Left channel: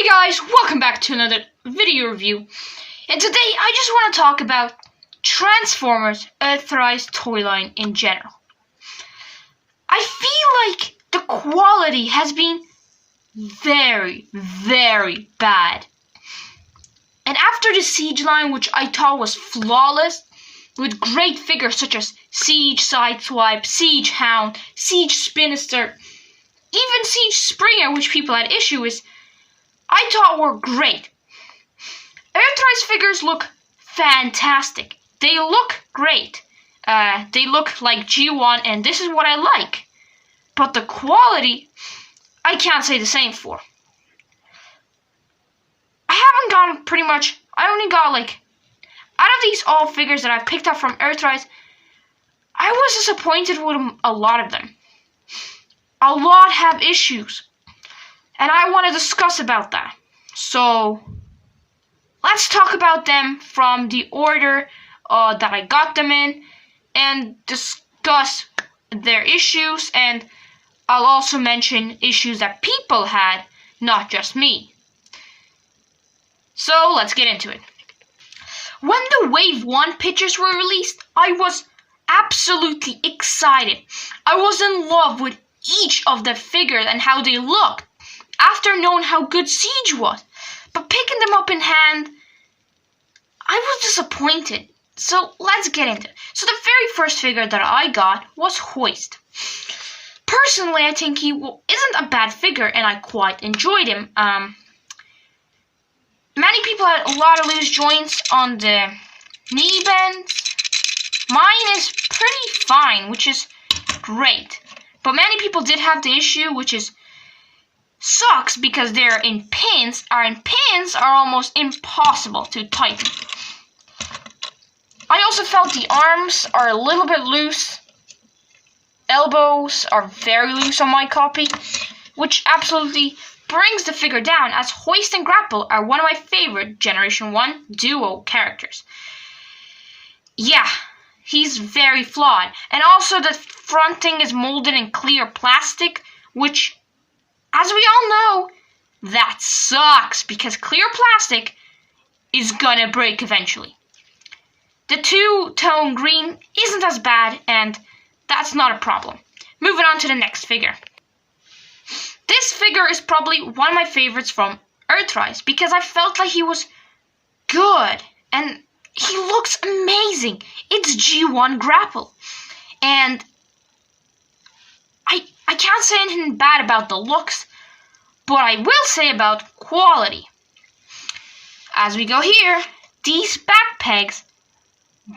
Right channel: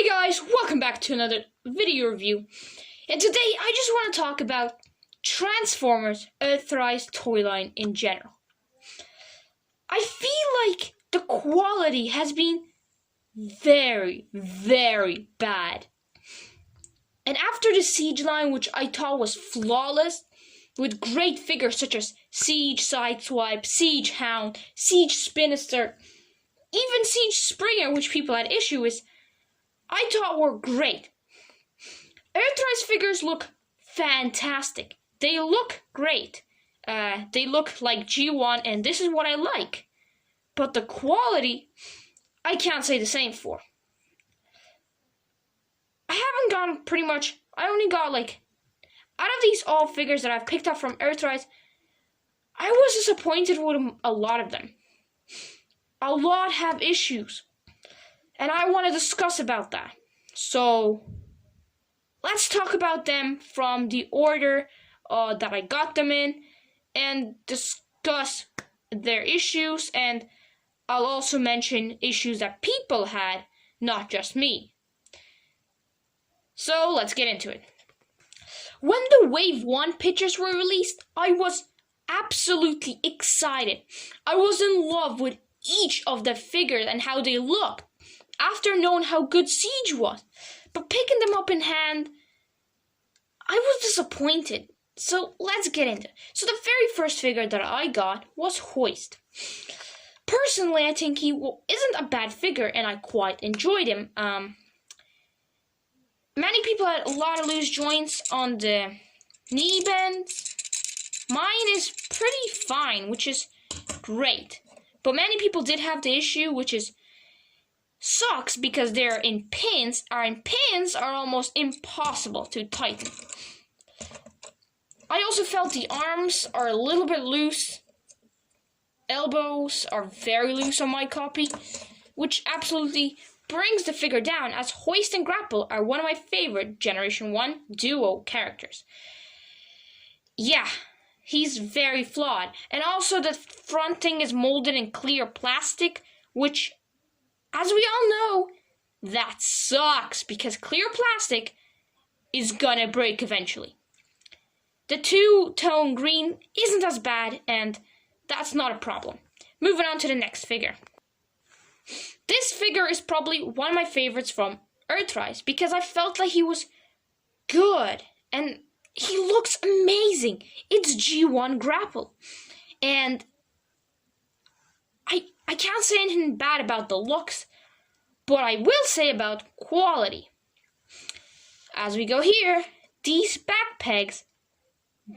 Hey guys, welcome back to another video review. And today I just want to talk about Transformers Earthrise Toyline in general. I feel like the quality has been very, very bad. And after the Seige line, which I thought was flawless, with great figures such as Seige Sideswipe, Seige Hound, Seige Spinister, even Seige Springer, which people had issue with, I thought were great. Earthrise figures look fantastic. They look great. They look like G1, and this is what I like. But the quality, I can't say the same for. I haven't gotten pretty much, I only got like, out of these all figures that I've picked up from Earthrise, I was disappointed with a lot of them. A lot have issues. And I want to discuss about that. So, let's talk about them from the order that I got them in and discuss their issues, and I'll also mention issues that people had, not just me. So, let's get into it. When the Wave 1 pictures were released, I was absolutely excited. I was in love with each of the figures and how they looked, after knowing how good Seige was. But picking them up in hand, I was disappointed. So let's get into it. So the very first figure that I got was Hoist. Personally, I think he isn't a bad figure, and I quite enjoyed him. Many people had a lot of loose joints on the knee bends. Mine is pretty fine, which is great. But many people did have the issue, which is socks, because they're in pins, and pins are almost impossible to tighten. I also felt the arms are a little bit loose. Elbows are very loose on my copy, which absolutely brings the figure down, as Hoist and Grapple are one of my favorite Generation 1 duo characters. Yeah, he's very flawed. And also the front thing is molded in clear plastic, which, as we all know, that sucks, because clear plastic is gonna break eventually. The two-tone green isn't as bad, and that's not a problem. Moving on to the next figure. This figure is probably one of my favorites from Earthrise, because I felt like he was good, and he looks amazing. It's G1 Grapple. And I can't say anything bad about the looks, but I will say about quality. As we go here, these back pegs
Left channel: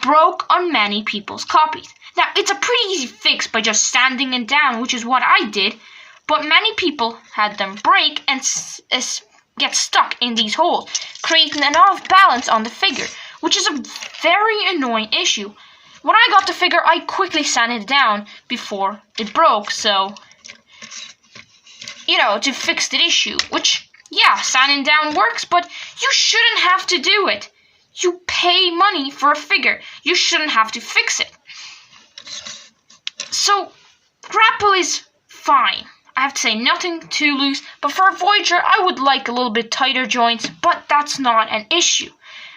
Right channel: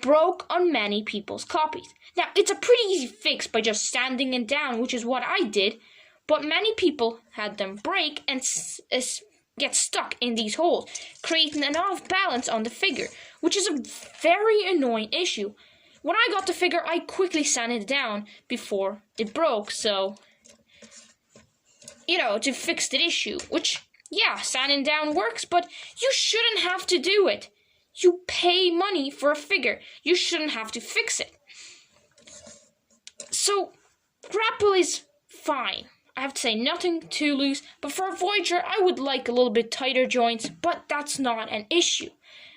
broke on many people's copies. Now, it's a pretty easy fix by just sanding it down, which is what I did, but many people had them break and get stuck in these holes, creating an off-balance on the figure, which is a very annoying issue. When I got the figure, I quickly sanded it down before it broke, so, to fix the issue, which, yeah, sanding down works, but you shouldn't have to do it. You pay money for a figure. You shouldn't have to fix it. So, Grapple is fine. I have to say, nothing too loose, but for a Voyager, I would like a little bit tighter joints, but that's not an issue.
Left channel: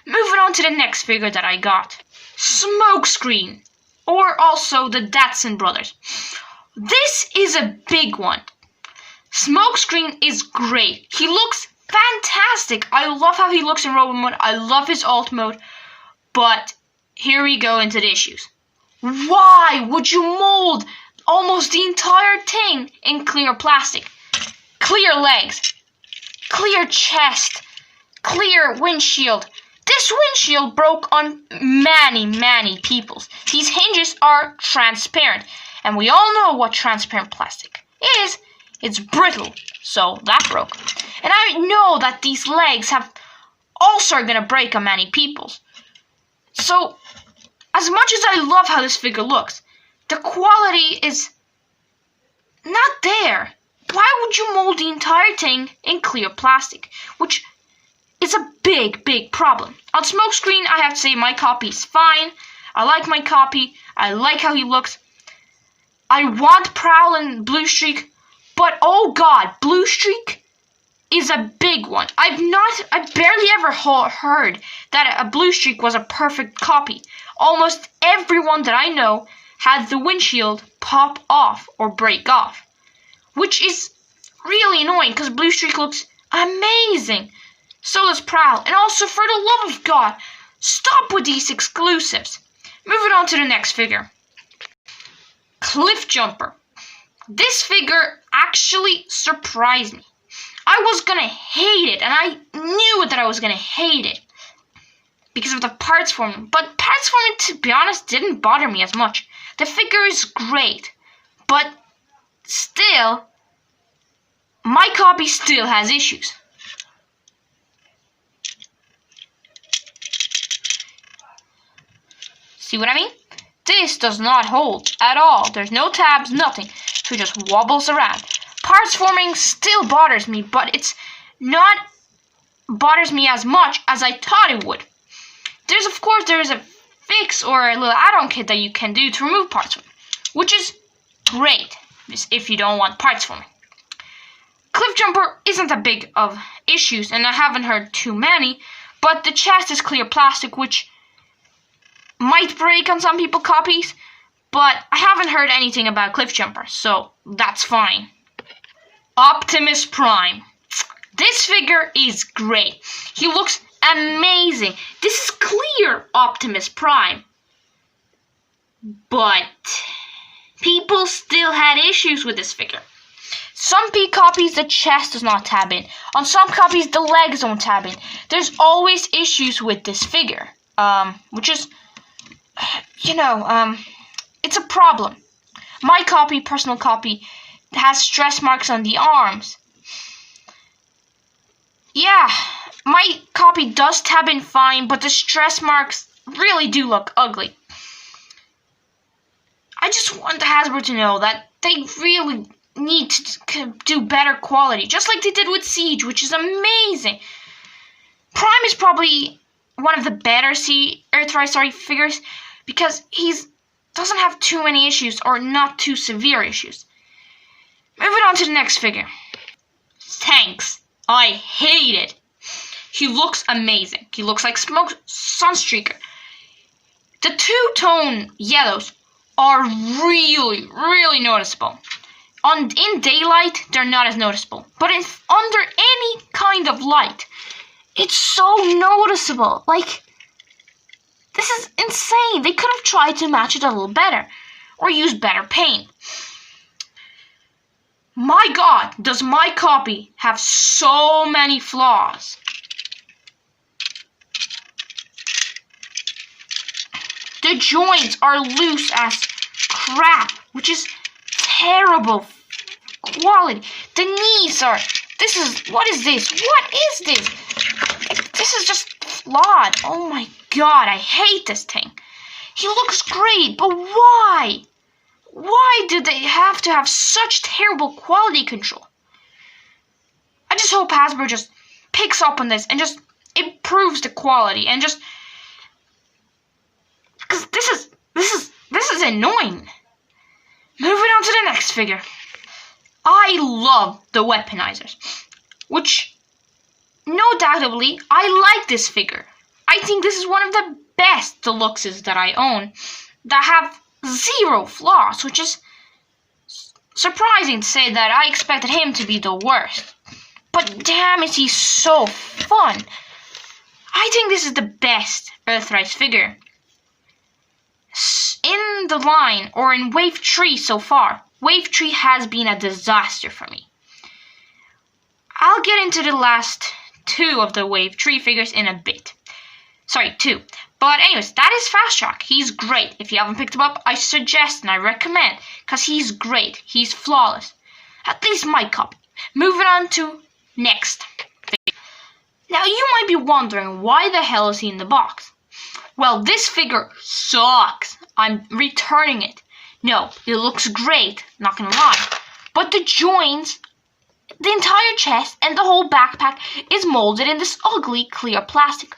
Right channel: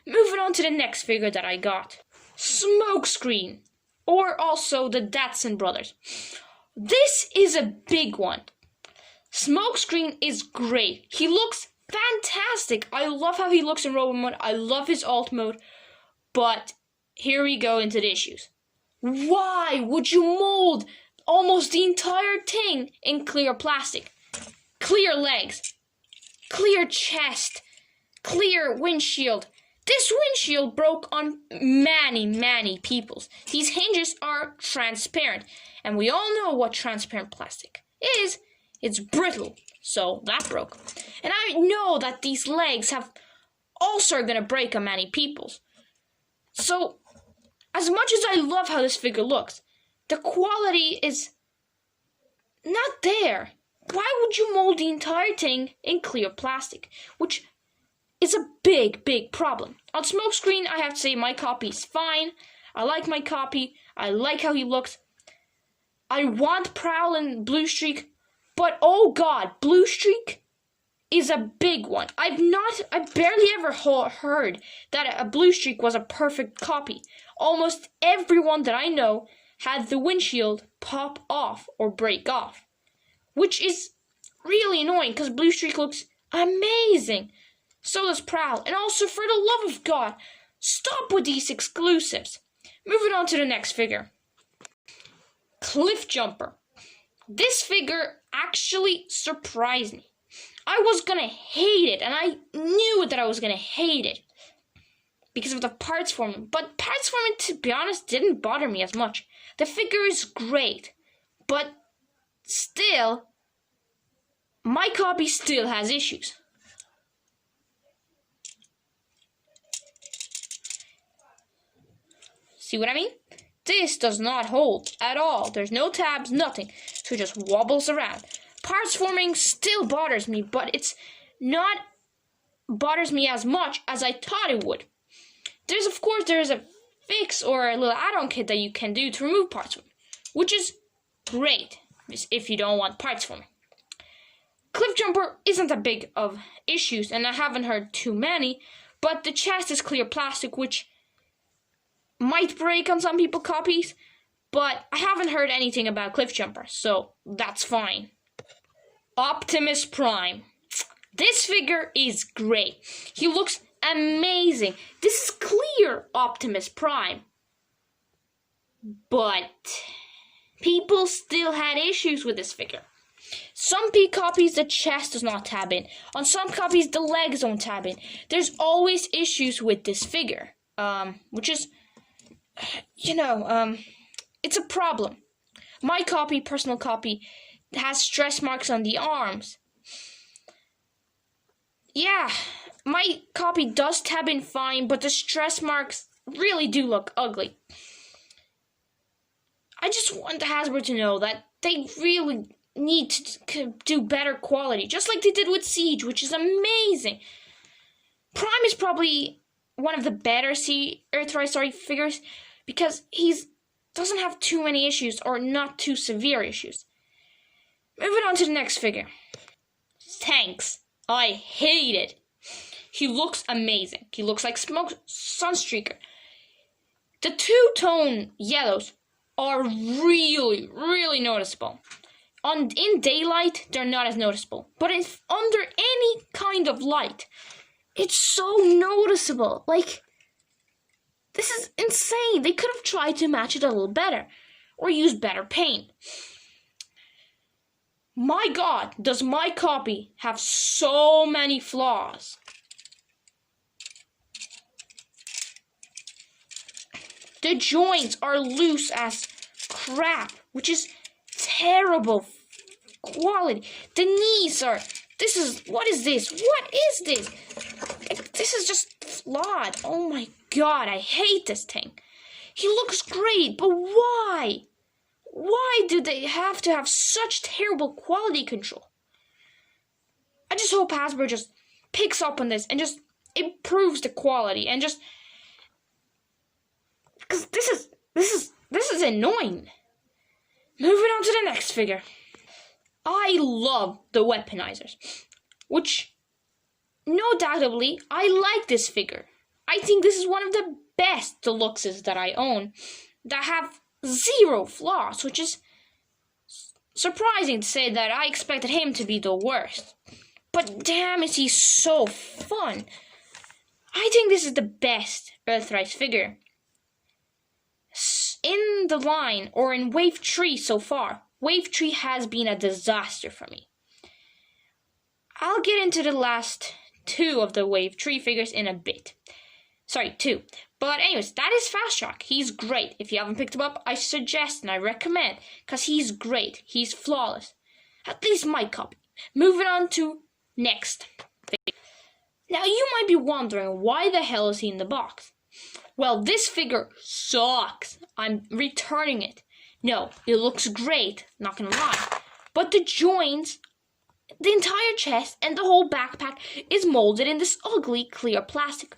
Moving on to the next figure that I got. Smokescreen, or also the Datsun brothers. This is a big one. Smokescreen is great. He looks fantastic. I love how he looks in robot mode. I love his alt mode. But here we go into the issues. Why would you mold almost the entire thing in clear plastic? Clear legs, clear chest, clear windshield. This windshield broke on many people's. These hinges are transparent, and we all know what transparent plastic is. It's brittle, so that broke. And I know that these legs have also gonna break on many people's. So, as much as I love how this figure looks, the quality is not there. Why would you mold the entire thing in clear plastic? Which is a big problem. On Smokescreen, I have to say my copy is fine. I like my copy. I like how he looks. I want Prowl and Blue Streak, but oh god, Blue Streak is a big one. I barely ever heard that a blue streak was a perfect copy. Almost everyone that I know had the windshield pop off or break off, which is really annoying because blue streak looks amazing. So does Prowl. And also, for the love of God, stop with these exclusives. Moving on to the next figure. Cliff Jumper. This figure actually surprised me. I was gonna hate it, and I knew that I was gonna hate it because of the parts forming. But parts forming, to be honest, didn't bother me as much. The figure is great, but still, my copy still has issues. See what I mean? This does not hold at all. There's no tabs, nothing. So it just wobbles around. Parts forming still bothers me, but it's not bothers me as much as I thought it would. There is a fix or a little add-on kit that you can do to remove parts forming, which is great if you don't want parts forming. Cliff Jumper isn't a big of issues, and I haven't heard too many, but the chest is clear plastic, which might break on some people's copies, but I haven't heard anything about Cliff Jumper, so that's fine. Optimus Prime. This figure is great. He looks amazing. This is clear Optimus Prime. But people still had issues with this figure. Some copies, the chest does not tab in. On some copies, the legs don't tab in. There's always issues with this figure, which is, it's a problem. My copy, personal copy, has stress marks on the arms. Yeah, my copy does tab in fine, but the stress marks really do look ugly. I just want Hasbro to know that they really need to do better quality, just like they did with Seige, which is amazing. Prime is probably one of the better Earthrise figures because he doesn't have too many issues or not too severe issues. Moving on to the next figure. Tanks. I hate it. He looks amazing. He looks like Smoke Sunstreaker. The two-tone yellows are really, really noticeable. In daylight, they're not as noticeable. But under any kind of light, it's so noticeable. Like, this is insane. They could have tried to match it a little better or use better paint. My God, does my copy have so many flaws. The joints are loose as crap, which is terrible quality. The knees are, what is this? What is this? This is just flawed. Oh my God, I hate this thing. He looks great, but why? Why do they have to have such terrible quality control? I just hope Hasbro just picks up on this and just improves the quality and just, because this is annoying. Moving on to the next figure. I love the weaponizers, which no doubtably I like this figure. I think this is one of the best deluxes that I own that have zero flaws, which is surprising to say that I expected him to be the worst. But damn, is he so fun. I think this is the best Earthrise figure in the line or in Wave 3 so far. Wave 3 has been a disaster for me. I'll get into the last two of the Wave 3 figures in a bit. Sorry, two. But anyways, that is Fast Track. He's great. If you haven't picked him up, I suggest and I recommend, because he's great. He's flawless. At least my copy. Moving on to next. Now you might be wondering, why the hell is he in the box? Well, this figure sucks. I'm returning it. No, it looks great, not gonna lie. But the joints, the entire chest, and the whole backpack is molded in this ugly clear plastic.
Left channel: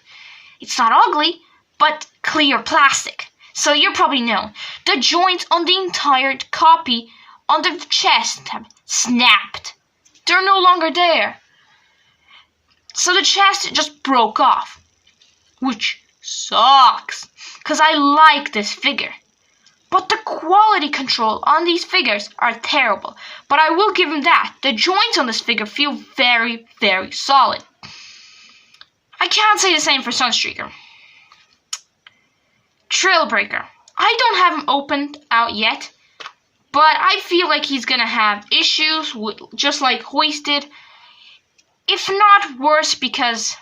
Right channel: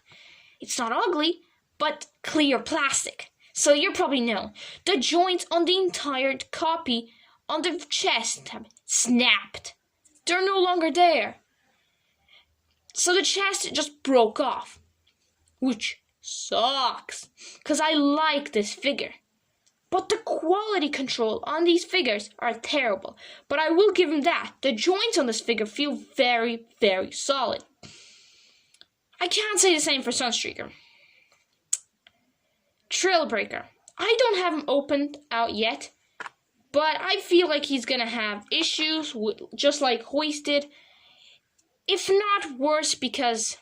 It's not ugly, but clear plastic. So you probably know. The joints on the entire copy on the chest have snapped. They're no longer there. So the chest just broke off, which sucks, because I like this figure. But the quality control on these figures are terrible. But I will give him that. The joints on this figure feel very, very solid. I can't say the same for Sunstreaker. Trailbreaker. I don't have him opened out yet, but I feel like he's going to have issues, just like Hoisted. If not worse, because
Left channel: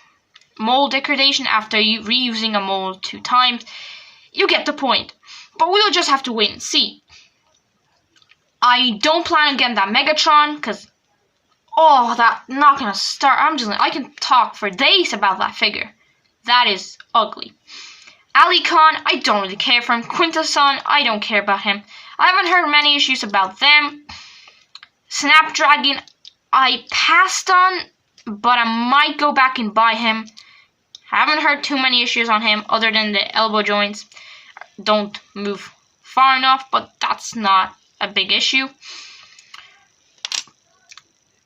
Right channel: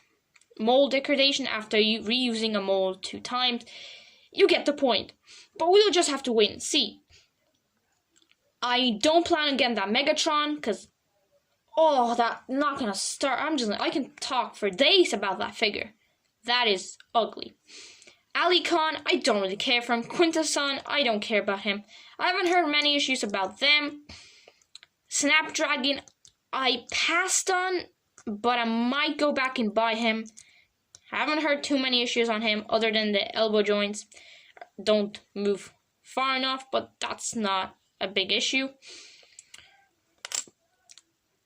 mold degradation after reusing a mold 2 times. You get the point. But we'll just have to wait and see. I don't plan on getting that Megatron, because, that not gonna start. I can talk for days about that figure. That is ugly. Alicon, I don't really care for him. Quintason, I don't care about him. I haven't heard many issues about them. Snapdragon, I passed on, but I might go back and buy him. Haven't heard too many issues on him other than the elbow joints don't move far enough, but that's not a big issue.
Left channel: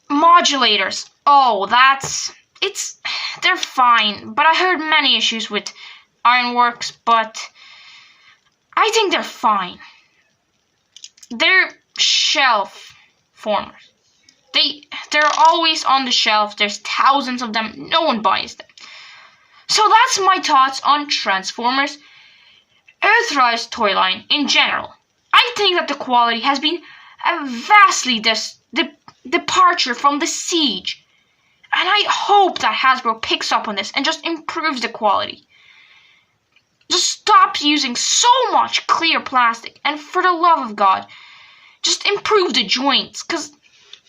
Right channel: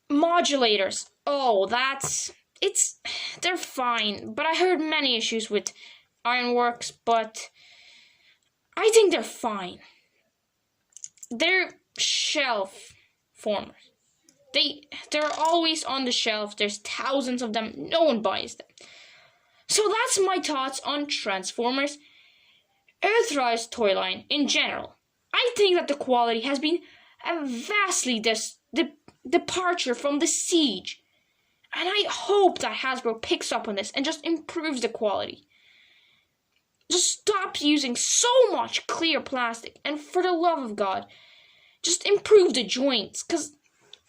Modulators. They're fine, but I heard many issues with Ironworks, but I think they're fine. They're shelf formers. They're always on the shelf. There's thousands of them. No one buys them. So that's my thoughts on Transformers. Earthrise Toyline in general. I think that the quality has been a vastly departure from the seige. And I hope that Hasbro picks up on this and just improves the quality. Just stop using so much clear plastic, and for the love of God, just improve the joints. Because,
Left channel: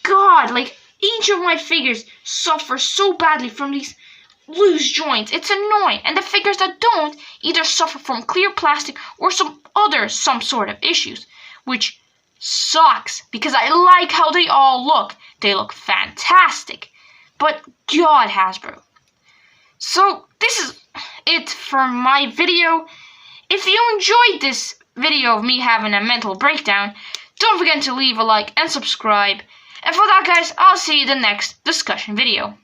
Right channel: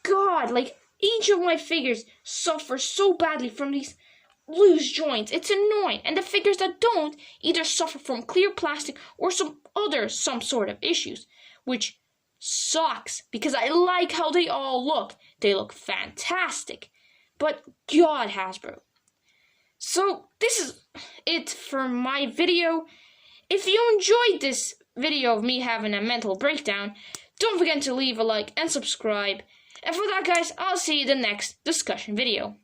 God, each of my figures suffer so badly from these loose joints. It's annoying. And the figures that don't either suffer from clear plastic or some sort of issues, which sucks because I like how they all look. They look fantastic. But God, Hasbro. So this is it for my video. If you enjoyed this video of me having a mental breakdown, don't forget to leave a like and subscribe. And for that, guys, I'll see you in the next discussion video.